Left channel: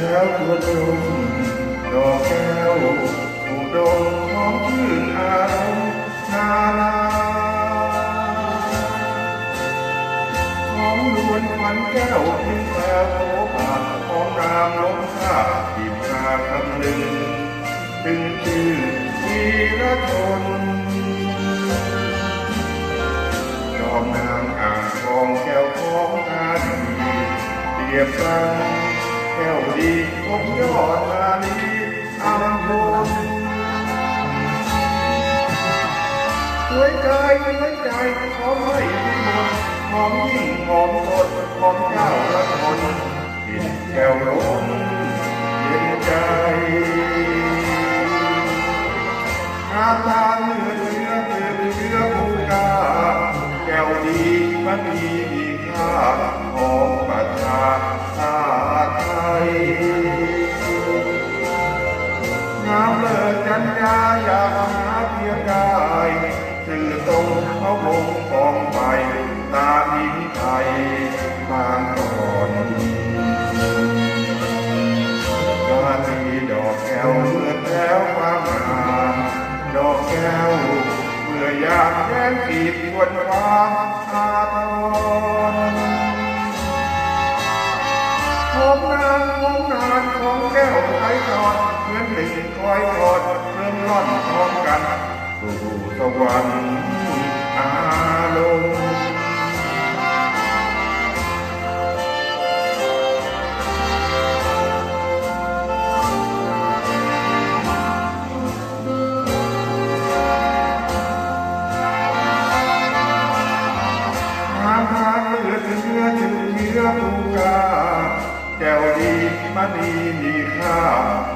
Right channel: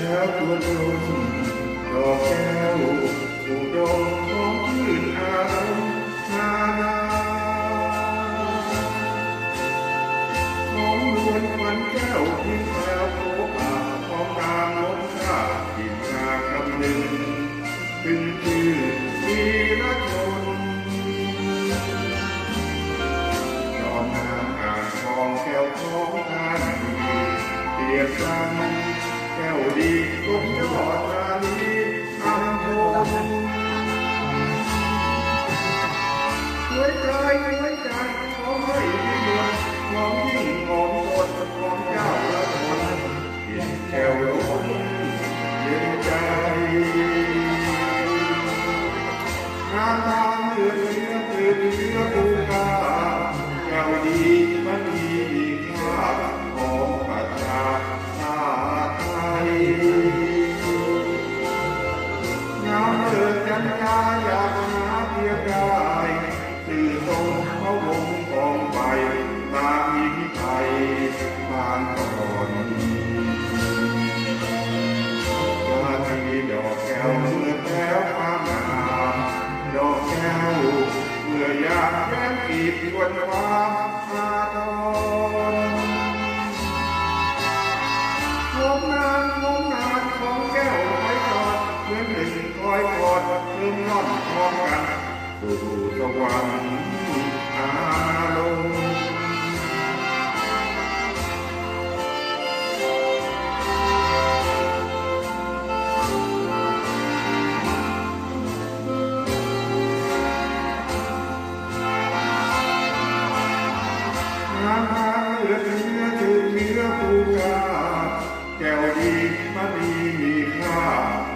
แล้วชวนลมดอกแก้วถูกดงหอมชื่นอารมณ์นานาหอมลวนควันแก้วเพียงแก้วโผผ่าหอมนามล้มชาติมาคำหนึ่งถึงชื่อวีรชนยอมนางอ่างทองแก้วของตาดีเปรียบกันแก้วดีทรงยอดมาลีอัมพลสวยใจหอมไม่พิมลหอมยิ่งหอมสดหอมเจ้าละทนเย็นแก้วล้นเย็นใจงามตาเลือดเชื้อตื่นเชื้อภูกาแก้วดีมันมีค่าของประชาชาติไทยงามเลิศกัญญาอยากหาเพียงได้สื่อตรงพระวงศ์กองไปตาหินไทยบางก่อนราตรีดอกแก้วเมื่อแล้วความงามดอกแก้วเมื่ออยากแย้มกีดชวนความอาทรหอมนานของแก้วไทยทอดเหมือนหนึ่งคอยกอดเริ่มร่อนพร้อมกันสู่สวรรค์อารมณ์เลือดเนื้อถึงเนื้อภูกาแก้วดีมันมีค่า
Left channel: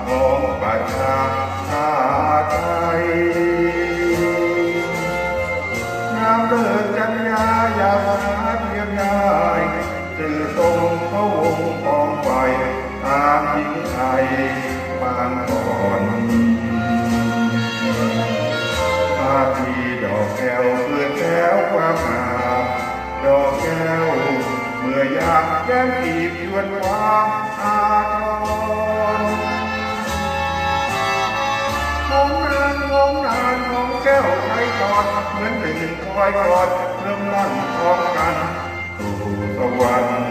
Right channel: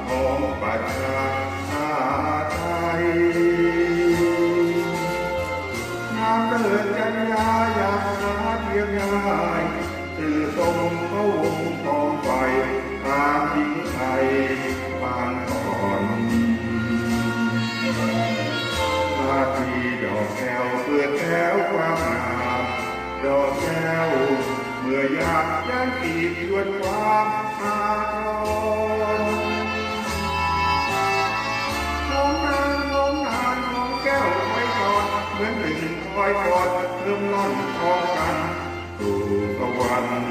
ของประชาชาติไทยงามเลิศกัญญาอยากหาเพียงได้สื่อตรงพระวงศ์กองไฟตามหญิงไทยบางก่อนมาที่ดอกแก้วเพื่อแก้วความงามดอกแก้วเมื่ออยากแย้มกีบชวนความอาทรหอมนานของแก้วไทยทอดเหมือนหนึ่งคอยกอดเริ่มนั่นพร้อมกันสู่สวรรค์